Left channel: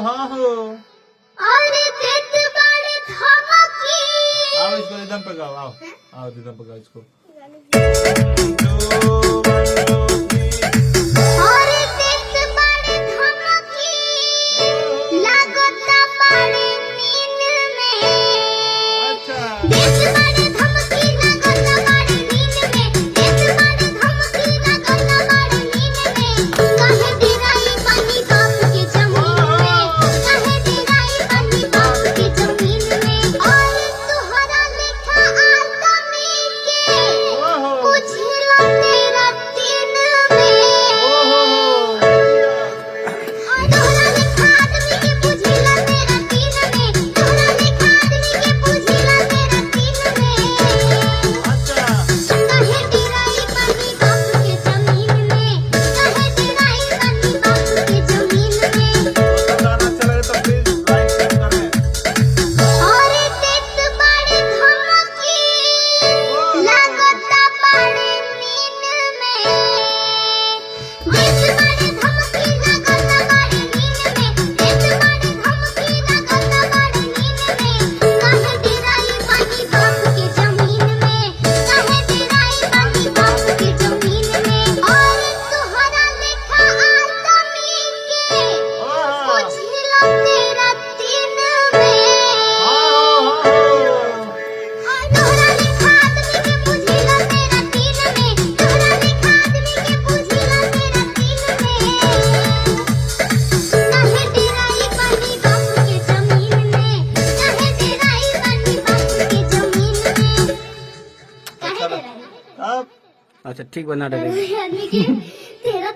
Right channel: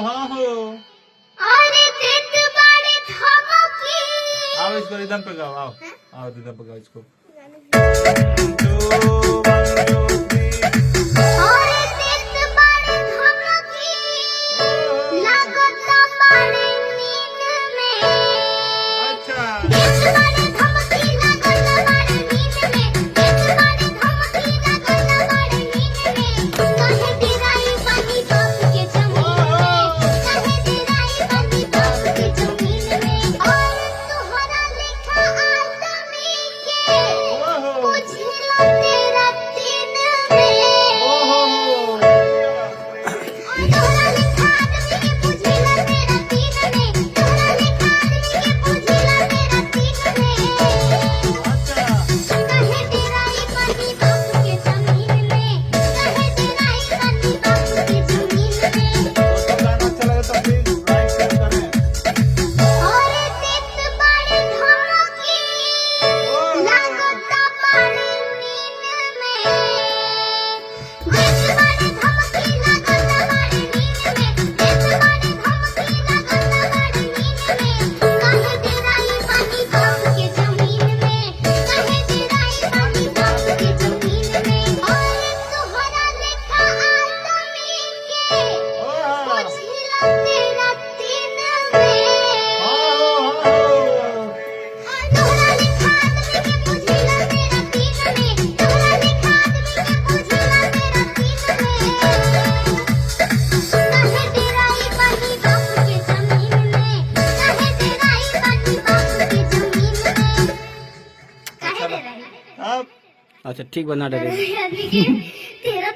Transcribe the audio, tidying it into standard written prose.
हाँ हो। अरे देत बाड़े धमकी। आओ इसको रिदम पे गाओ, आओ आओ रिदम पे गाओ इसको। अरे देत बाड़े धमकी। लागता बाड़े नींद में। अच्छा देत बाड़े धमकी लागता बाड़े नींद में। देत बाड़े धमकी लागता बाड़े नींद में। काहे दिराई पानी बाप के जमीन में। काहे दिराई पानी बाप के जमीन में। और तुहरा लेखा आदमी के ओहो बुझिला तेरा दिन में। ओहो तोहरा लेखा आदमी के बुझिला तेरा दिन में। तोहरा लेखा आदमी के बुझिला तेरा दिन में। अच्छा काहे दिराई पानी बाप के जमीन में। काहे दिराई पानी बाप के जमीन में। दोस्तों गाना अच्छा लगे तो प्लीज लाइक शेयर करें। अरे देत बाड़े धमकी। लागता बाड़े नींद में। देत बाड़े धमकी लागता बाड़े नींद में। देत बाड़े धमकी लागता बाड़े नींद में। काहे दिराई पानी बाप के जमीन में। काहे दिराई पानी बाप के जमीन में। और तुहरा लेखा आदमी के ओहो बुझिला तेरा दिन में। हाँ हो तोहरा लेखा आदमी के बुझिला तेरा दिन में। तोहरा लेखा आदमी के बुझिला तेरा दिन में। काहे दिराई पानी बाप के जमीन में। काहे दिराई पानी बाप के जमीन में। अच्छा काहे दिराई? अब अच्छा ठीक बना डरे यानी कि तेरा